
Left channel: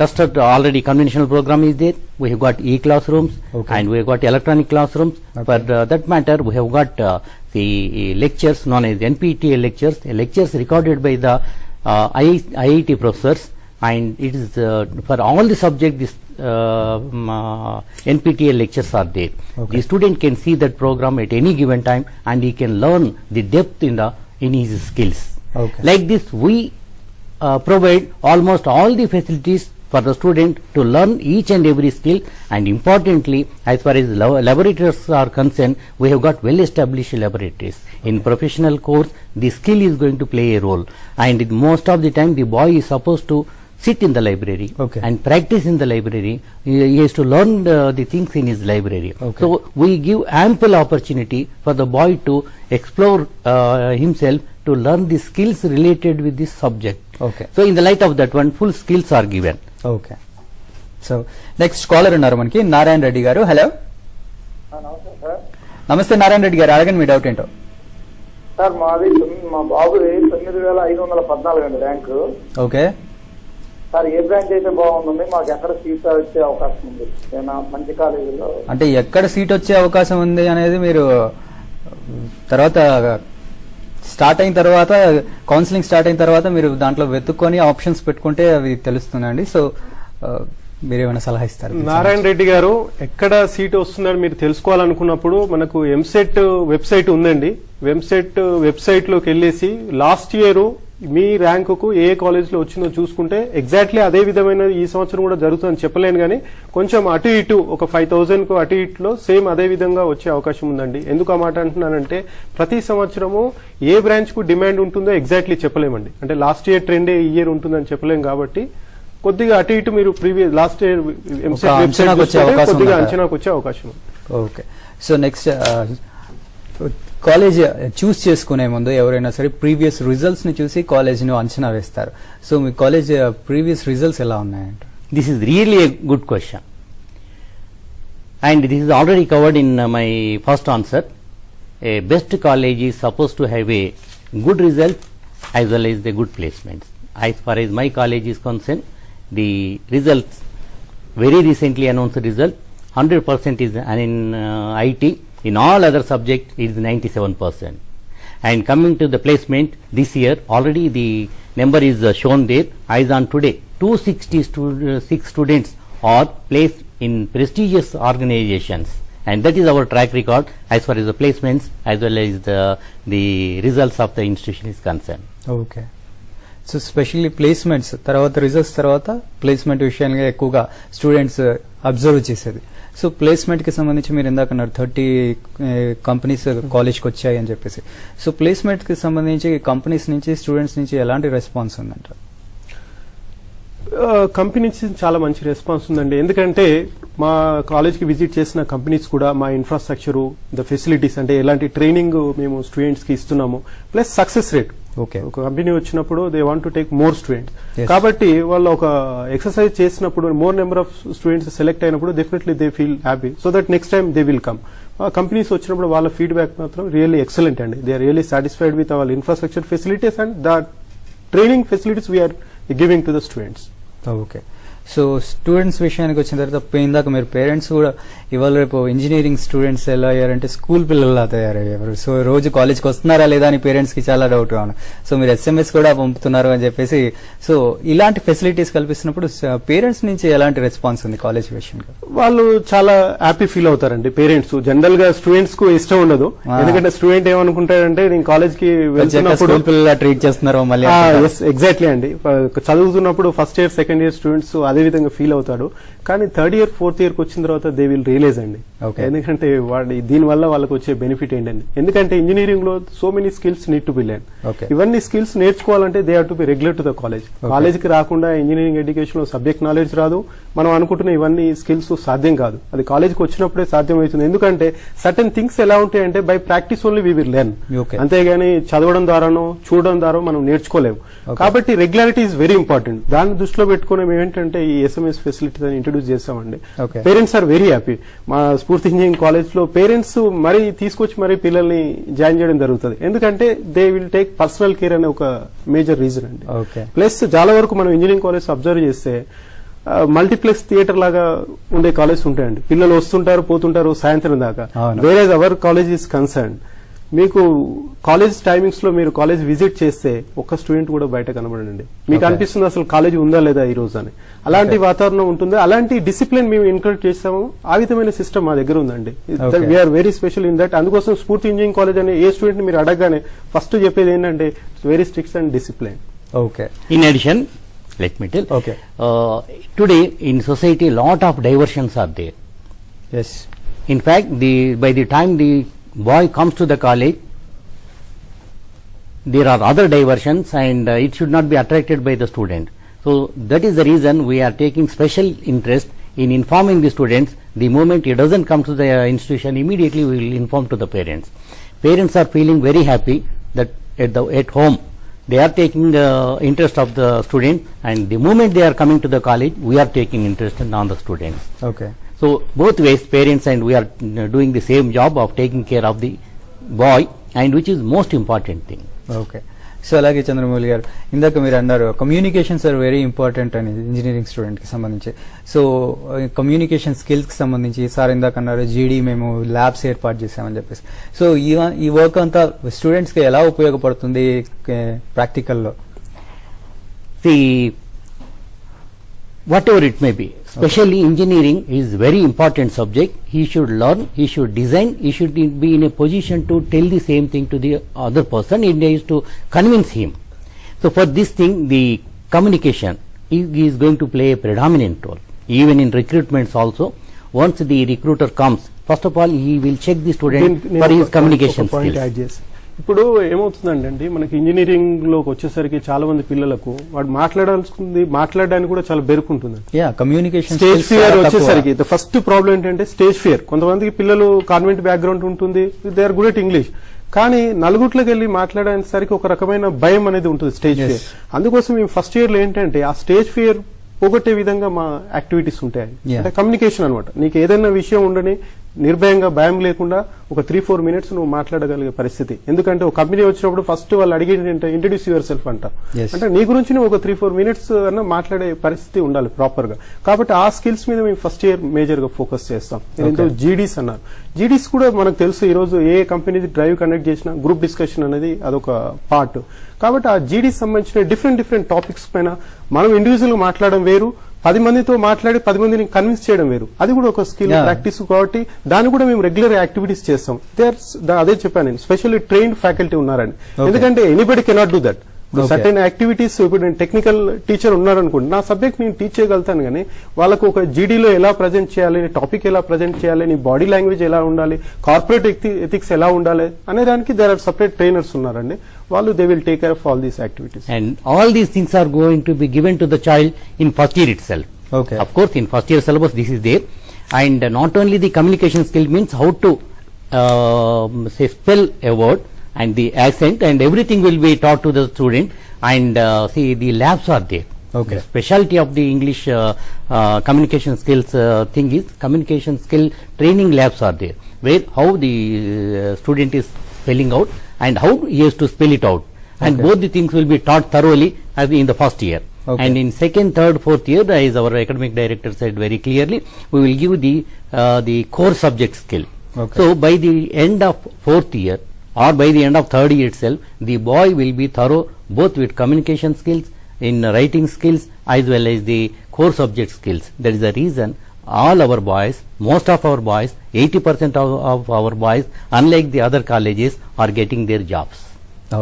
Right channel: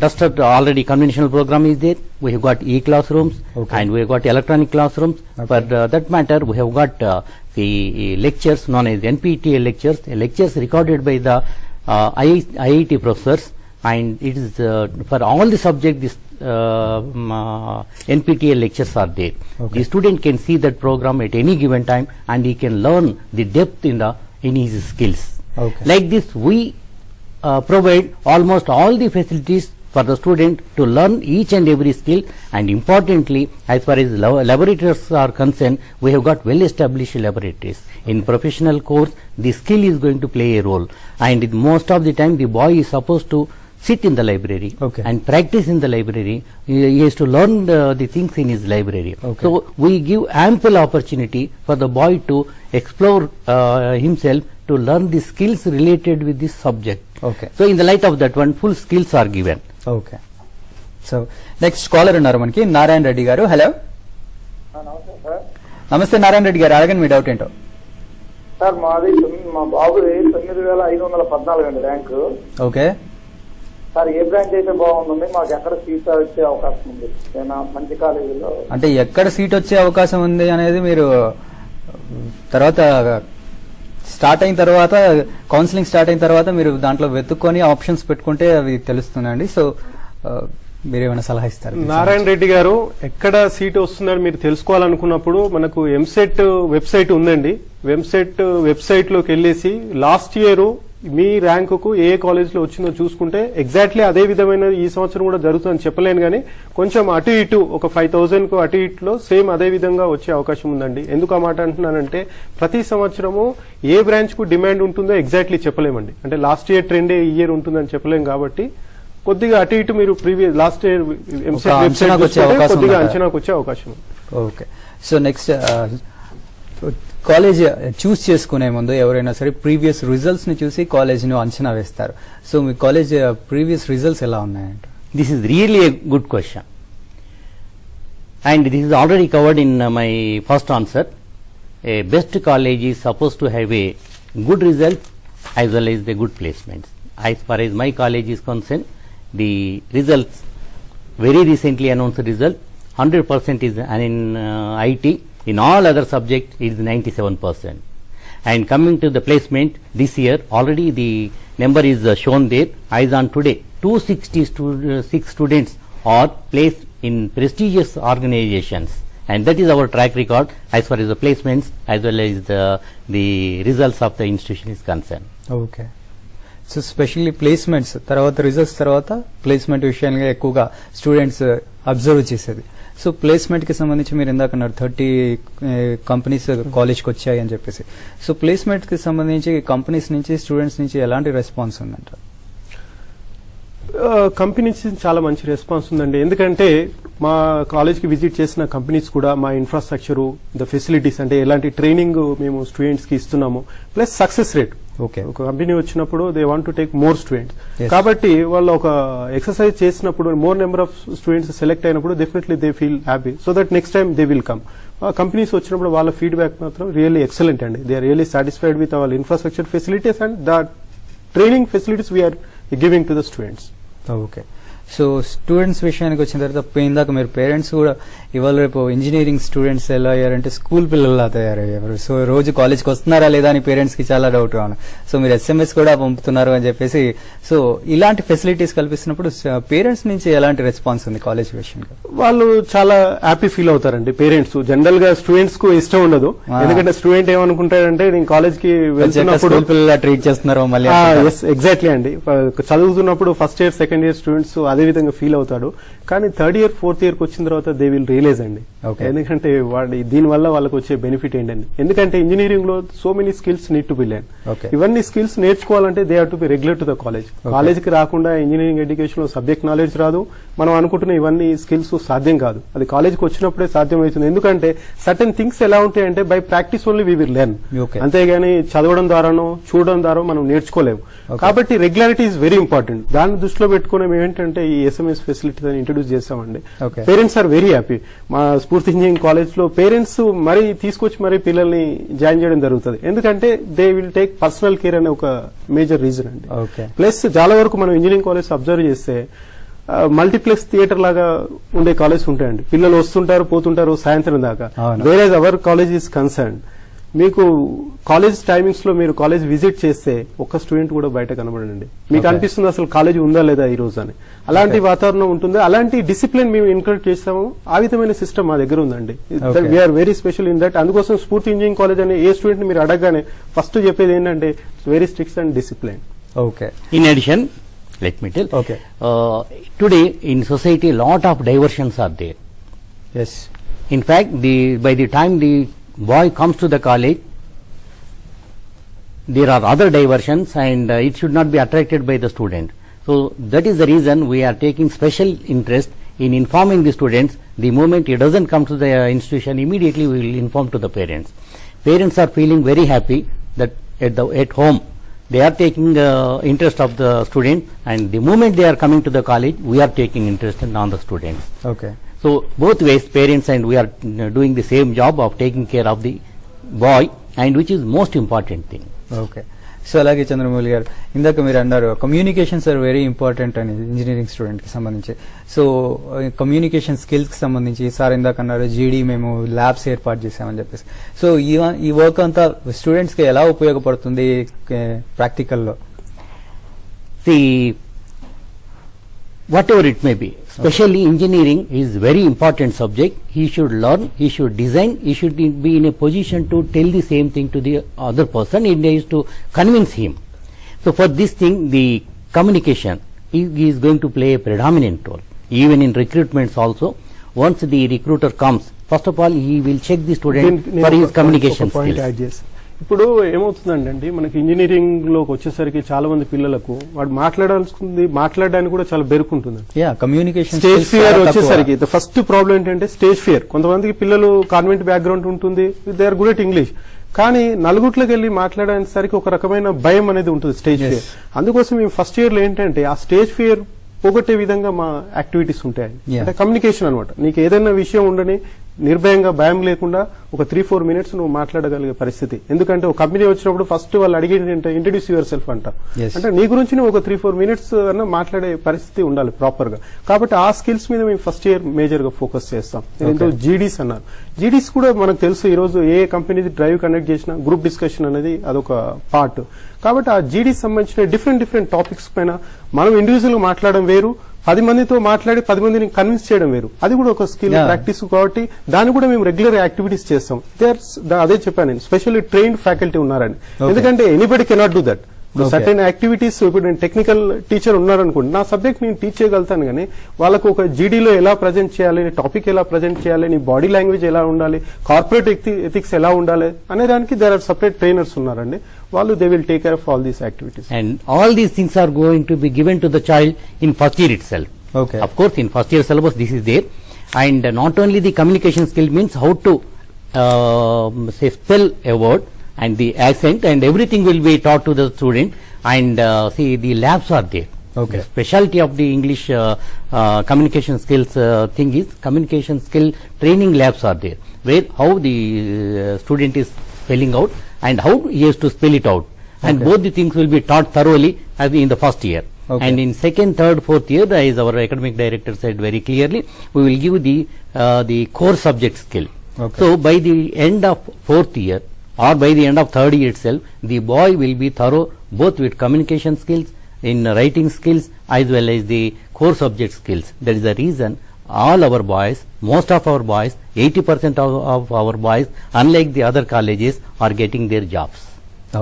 duster already conventional program is there. We have got e-classrooms, okay, and we have got electronic classrooms. Okay. For that matter, we have got the lectures known as NPTEL lectures. The lectures recorded by the IIT professors, and it is for all the subjects. This NPTEL lectures are there. Okay. The student can see that program at any given time, and he can learn the depth in his skills. Okay. Like this, we provide almost all the facilities for the student to learn each and every skill, and importantly, as far as laboratories are concerned, we have got well established laboratories. In professional course, the skill is going to play a role, and most of the time the boy is supposed to sit in the library, okay, and practice in the library. He has to learn the things in his library. Okay. So we give ample opportunity for the boy to explore himself, to learn the skills related with this subject. Okay. So in the light of that one, full skills are given. Okay. So next caller ఉన్నారు మనకి, నారాయణ రెడ్డి గారు. Hello, నమస్తే నారాయణ రెడ్డి గారు, అడగండి మీ doubt ఏంటో. Sir మాది మా బాబుది 9514 అండి ర్యాంకు. ఓకే సార్, ఏ బ్రాంచ్ అయితే బాగుంటుంది, మాకు ఎక్కడ సీట్ వచ్చే అవకాశం ఉంది, ఏమైనా మంచి కాలేజీలో? అంటే ఎక్కడ సీట్ వచ్చే అవకాశం ఉంది అనేది మీరు తర్వాత స్టార్ట్ అయిన తర్వాత, కౌన్సిలింగ్ స్టార్ట్ అయిన తర్వాత మీరు దాంట్లో వెతుక్కొని ఆప్షన్స్ పెట్టుకుంటే అవి తెలుస్తున్నాయండి. సో మీరేమైనా సలహా ఇస్తారు? నారాయణ రెడ్డి గారు, ఎక్కడ సీట్ వస్తుందని మీరు తెలుసుకోవాలనుకున్నప్పుడు మనకు ఎంసెట్ వెబ్సైట్ ఉందండి. ఎంసెట్ వెబ్సైట్ లోకి వెళ్ళేసి లాస్ట్ ఇయర్ మీ ర్యాంకుకు ఏ కాలేజ్ లో వచ్చిందో చూసుకుంటే ఎగ్జాక్ట్లీ అదే విధమైన ఈ సంవత్సరం కూడా జరుగుతుందని చెప్పలేను, కానీ కొంచెం అటు ఇటు ఒక 5000 కు అటు ఇటులో సేమ్ అదే విధంగా వచ్చే అవకాశం ఉందండి. ఎందుకు ఆ మాట అంటున్నానంటే, ప్రతి సంవత్సరము ఏ బ్రాంచ్ కు డిమాండ్ ఉంటుందో ఎగ్జాక్ట్లీ చెప్పలేమండి. అంటే లాస్ట్ ఇయర్ ట్రెండ్ ఈ ఇయర్ ఉంటుందని చెప్పలేం, కాబట్టి కొద్దిగా అటు ఇటు మీరు ప్రీవియస్ లాస్ట్ ఇయర్ అంచనాకు వచ్చే అవకాశం. ఓకే. సో నెక్స్ట్ కాలేజ్ చూస్ చేసుకునే ముందు ఎవరైనా సరే ప్రీవియస్ రిజల్ట్స్ ని చూసి కాలేజ్ ను అంచనా వేస్తారు. సో మీ కాలేజ్ ప్రీవియస్ రిజల్ట్స్ ఎలా ఉన్నాయంట? This is really a good question, and this is already covered in my first answer. A best college is supposed to have a good result as well as the good placements. As far as my college is concerned, the results, very recently announced result, 100% is in IT. In all other subjects is 97%. And coming to the placement, this year already the number is shown there. As on today, 266 students are placed in prestigious organizations, and that is our track record as far as the placements as well as the results of the institution is concerned. Okay. So specially placements తర్వాత results తర్వాత placement విషయాన్ని ఎక్కువగా students observe చేసేది. So placement కి సంబంధించి మీరు ఇందాక 30 companies college కి వచ్చాయి అని చెప్పేసి, సో ప్లేస్మెంట్ కి సంబంధించి కంపెనీస్ నుంచి స్టూడెంట్స్ నుంచి ఎలాంటి రెస్పాన్స్ ఉందంట? కంపెనీస్ చాలా మంచి రెస్పాన్స్ ఉందండి. ఎందుకంటే మా కాలేజ్ కి విజిట్ చేసిన కంపెనీస్ కూడా మా ఇన్ఫ్రాస్ట్రక్చర్, ద ఫెసిలిటీస్, అంటే ఎలాంటి ట్రైనింగ్ మేము స్టూడెంట్స్ కి ఇస్తున్నాము, ప్లస్ సక్సెస్ రేట్. ఓకే. ఒక కంపెనీ వచ్చినప్పుడు they want to take more students, కాబట్టి వాళ్ళు ఒక ఎక్సర్సైజ్ చేసినప్పుడు more number of students select అయినప్పుడు definitely they feel happy, so that next time they will come. ఆ కంపెనీస్ వచ్చినప్పుడు వాళ్ళ ఫీడ్బ్యాక్ మాత్రం రియల్లీ ఎక్సలెంట్ అండి. They are really satisfied with our infrastructure facilities and the training facilities we are giving to the students. Okay. So students విషయానికి వచ్చిన తర్వాత ఇందాక మీరు పేరెంట్స్ కూడా ఇవాళ రేపు ఇంజనీరింగ్ స్టూడెంట్స్ ఎలా అయ్యారంటే స్కూల్ పిల్లల్లా తయారయ్యారు. సో రోజు కాలేజ్కి వస్తున్నారా లేదా అని పేరెంట్స్ కి చాలా డౌట్ రాను. సో మీరు SMS కూడా పంపుతున్నారు అని చెప్పేసి, సో ఇలాంటి ఫెసిలిటీస్ కల్పిస్తున్నప్పుడు పేరెంట్స్ నుంచి ఎలాంటి రెస్పాన్స్ ఉంది కాలేజ్ విషయంలో? వాళ్ళు చాలా హ్యాపీ ఫీల్ అవుతారండి పేరెంట్స్. జనరల్ గా స్టూడెంట్స్ కు ఇష్టం ఉండదు, ఎందుకంటే స్టూడెంట్ ఏమనుకుంటాడంటే నేను కాలేజ్ కి వెళ్తున్నప్పుడు ట్రీట్ చేస్తున్నారు మళ్ళీ. ఎగ్జాక్ట్లీ అండి, చదువుతున్నప్పుడు first year second year students అదే విధంగా ఫీల్ అవుతారు. కానీ థర్డ్ ఇయర్ ఫోర్త్ ఇయర్ కి వచ్చిన తర్వాత దే విల్ రియలైజ్ అండి, ఎందుకంటే దీని వల్ల వాళ్ళకి వచ్చే బెనిఫిట్ ఏంటండి. ఎందుకంటే ఇంజనీరింగ్ లో so many skills need to be learn. ఇవన్నీ స్కిల్స్ నేర్చుకోవాలంటే they have to be regular to the college. College కి రాకుండా ఇంజనీరింగ్ ఎడ్యుకేషన్ లో సబ్జెక్ట్ నాలెడ్జ్ రాదు, మనం అనుకుంటున్న ఇవన్నీ స్కిల్స్ సాధ్యం కాదు. అది కాలేజ్ కి వచ్చినప్పుడే సాధ్యం అవుతుంది. ఎందుకంటే సర్టెన్ థింగ్స్ ఎలా ఉంటాయంటే by practice only we will learn, అంతేగాని చదవడం ద్వారానో చూడడం ద్వారా మనం నేర్చుకోలేము. కాబట్టి రెగ్యులారిటీ ఇస్ వెరీ ఇంపార్టెంట్. దాన్ని దృష్టిలో పెట్టుకుని మేము ఏంటంటే ఈ SMS ఫెసిలిటీ ఇంట్రొడ్యూస్ చేస్తామండి. Parents are very happy. మా స్ఫూర్తి ఇంజనీరింగ్ కాలేజ్ లో పేరెంట్స్ మరీ తీసుకొచ్చి మరీ పిల్లల్ని జాయిన్ చేయడం జరుగుతుంది. ఎందుకంటే they will take personal care అనే ఒక మేజర్ రీజన్ అండి. ప్లస్ చాలా వరకు మనం ఇంజనీరింగ్ కాలేజ్ అబ్జర్వ్ చేస్తే మల్టీప్లెక్స్ థియేటర్ లాగా ఉండే కాలేజ్ ఉంటాయండి. పిల్లలు వస్తుంటారు పోతుంటారు సాయంత్రం దాకా. వేరే అవర్ కాలేజ్ ఈస్ కన్సర్న్, మీకు కాలేజ్ టైమింగ్స్ లో మీరు కాలేజ్ విజిట్ చేస్తే ఒక్క స్టూడెంట్ కూడా బయట కనబడండి. మీకు అనిపిస్తుంది అసలు కాలేజ్ ఉందా లేదా ఈ రోజు అని. అలాంటి వాతావరణం ఉంటుంది, అలాంటి డిసిప్లిన్ మేము ఎంకరేజ్ చేస్తాము. ఆ విధమైన సిస్టమ్ మా దగ్గర ఉందండి. We are very special in that. అందుకోసం స్ఫూర్తి ఇంజనీరింగ్ కాలేజ్ అనే ఏ స్టూడెంట్ మీరు అడగగానే ఫస్ట్ చెప్పేది ఏంటంటే very strict and discipline. Okay. In addition, let me tell. Okay. Today in society, a lot of diversions are there. Yes. In fact, by the time the boy comes to the college, there are other diversions, and it should not be attracted by the student. So that is the reason we are taking special interest in informing the students. The moment he doesn't come to the institution, immediately we will inform to the parents. Parents are feeling very happy that at home they are taking the interest of the student, and the moment they are coming to the college, we are taking interest on the students. Okay. So both ways, parents and we are doing the same job of taking care of the boy, and which is most important thing. Okay. So అలాగే చంద్రమౌళి గారు, ఇందాక మీరు అన్నారు communications are very important అనేది engineering student కి సంబంధించి. So communication skills కి సంబంధించి సార్ ఇందాక అన్నారు జీడీ మేము ల్యాబ్స్ ఏర్పాటు చేసామని చెప్పేసి. సో ఈ వర్క్ అంతా స్టూడెంట్స్ కి ఎలా ఉపయోగపడుతుంది ప్రాక్టికల్ లో? Whatever it may be, especially engineering is very important subject. He should learn, he should design, he should be in a position to tell the same thing to the other person. It is to convince him. So for this thing, the communication is going to play a predominant role. Even in recruitments also, once the recruiter comes, first of all, he will check the student for his communication skills. ఇప్పుడు ఏమవుతుందండి, మనకి engineering లోకి వచ్చేసరికి చాలా మంది పిల్లలకు వాడు మాట్లాడడానికి కూడా చాలా బెరుకుంటుంది. కమ్యూనికేషన్ స్టేజ్ ఫియర్ వచ్చేసరికి ఫస్ట్ ప్రాబ్లం ఏంటంటే స్టేజ్ ఫియర్. కొంతమంది పిల్లలు కాన్వెంట్ బ్యాక్గ్రౌండ్ ఉంటుంది, they are good at English, కానీ నలుగుట్లోకి వెళ్ళి మాట్లాడడానికి ఒక రకమైన భయం అనేది ఉంటుంది, స్టేజ్ ఫియర్. అందుకోసం మేము ఫస్ట్ ఇయర్ లో ఏంటంటే ఆ స్టేజ్ ఫియర్ పోగొట్టే విధంగా మా యాక్టివిటీస్ ఉంటాయి. కమ్యూనికేషన్ అనమాట. నీకు ఏదైనా విషయం ఉండని నిర్భయంగా భయం లేకుండా ఒక 3-4 minutes నువ్వు మాట్లాడగలిగే పరిస్థితి. ఎందుకంటే ఒక కంపెనీ వచ్చినప్పుడు ఫస్ట్ వాళ్ళు అడిగేది ఏంటంటే ఇంట్రడ్యూస్ యువర్ సెల్ఫ్ అంట. అంటే నీ గురించి నువ్వు ఒక 3-4 minutes అన్నా మాట్లాడే పరిస్థితి ఉండాలి ప్రాపర్ గా. కాబట్టి ఆ స్కిల్స్ మీద మేము ఫస్ట్ ఇయర్ మేజర్ గా ఫోకస్ చేస్తాం. జీడీస్ అన్నారు. జీడీస్ కూడా మనకు తెలుసు, ఈ రోజు ఏ కంపెనీ డ్రైవ్ కండక్ట్ చేసినా గ్రూప్ డిస్కషన్ అనేది అదొక పార్ట్. కాబట్టి ఆ జీడీస్ సంబంధించిన డిఫరెంట్ టాపిక్స్ పైన మనం ఇండివిజువల్ మాట్లాడడం వేరు, 10 మందితో మాట్లాడి 10 మందిని కన్విన్స్ చేయడం వేరు. అది కూడా ఒక స్కిల్ ప్రాక్టీస్ కాబట్టి దాన్ని కూడా మేము రెగ్యులర్ యాక్టివిటీస్ చేస్తాం. అదే చెప్పాను, స్పెషల్లీ ట్రైన్డ్ ఫ్యాకల్టీ ఉన్నారండి. ఎందుకంటే anybody cannot do that. Certain activities. ఇప్పుడు నేను టెక్నికల్ టీచర్ ఉన్నారనుకోండి, నా సబ్జెక్ట్ నేను టీచ్ చేయగలుగుతాను, కానీ వాళ్ళకు ఒక జీడీలో ఎలా ప్రజెంట్ చేయాలి, టాపిక్ ఎలా ప్రజెంట్ చేయాలి, నీ బాడీ లాంగ్వేజ్ ఎలా ఉండాలి, కార్పొరేట్ ఎథిక్స్ ఎలా ఉండాలి అనే దానికి దేర్ ఆర్ సపరేట్ ట్రైనర్స్ ఉన్నారండి. వాళ్ళు they will take care of all these activities. And all these things are going to be given to the child in first year itself. Okay. Of course, in first year syllabus this is there, and not only the communication skill means how to say spell a word, and the accent and everything will be taught to the student, and see the labs are there. Okay. The specialty of the English communication skills thing is communication skill training labs are there, where how the student is spelling out and how he has to spell it out, and both the things will be taught thoroughly in the first year. Okay. And in second, third, fourth year, as our academic director said very clearly, we will give the core subject skill. Okay. So by the end of fourth year or by the end of third year itself, the boy will be thorough both with communication skills, in writing skills, as well as the core subject skills. That is the reason all our boys, most of our boys, 80% of our boys, unlike the other colleges, are getting their jobs.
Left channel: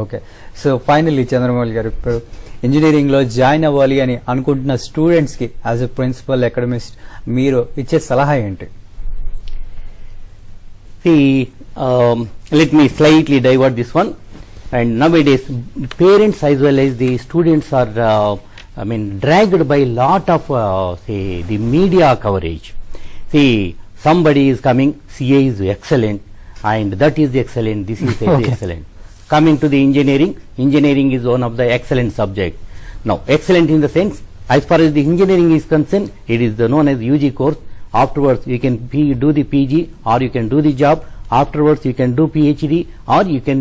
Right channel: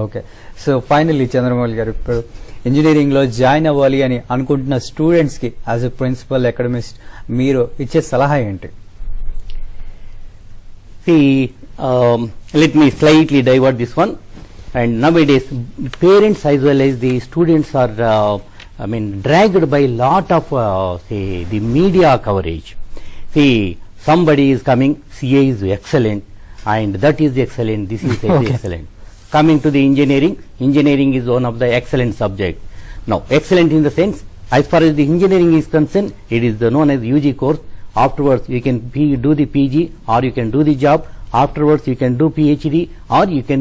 Okay so finally Chandramouli గారు, ఇప్పుడు engineering లో join అవ్వాలి అని అనుకుంటున్న students కి as a principal అకాడమిస్ట్ మీరు ఇచ్చే సలహా ఏంటి? See, let me slightly divert this one. And nowadays, parents as well as the students are, dragged by lot of, the media coverage. See, somebody is coming, CA is excellent, and that is the excellent, this is the excellent. Coming to the engineering is one of the excellent subject. Now, excellent in the sense, as far as the engineering is concerned, it is known as UG course. Afterwards, you can do the PG, or you can do the job. Afterwards, you can do PhD, or you can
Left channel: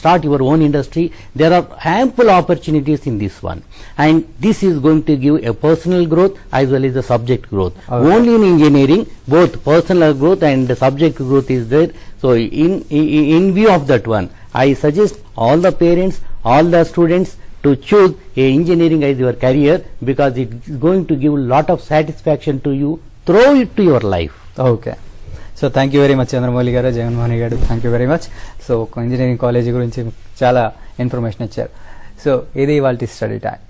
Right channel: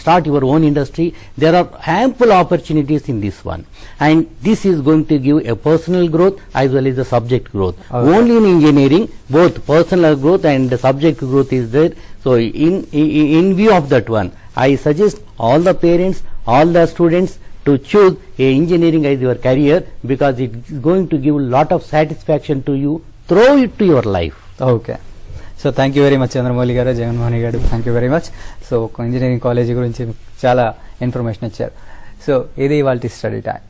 start your own industry. There are ample opportunities in this one, and this is going to give a personal growth as well as the subject growth. Okay. Only in engineering, both personal growth and the subject growth is there. So, in view of that one, I suggest all the parents, all the students to choose engineering as your career, because it is going to give a lot of satisfaction to you throughout it to your life. Okay so thank you very much Chandramouli గారు, జగన్మోహన్ గారు, thank you very much. So engineering college గురించి చాలా information ఇచ్చారు. So ఇది ఇవాళ study time.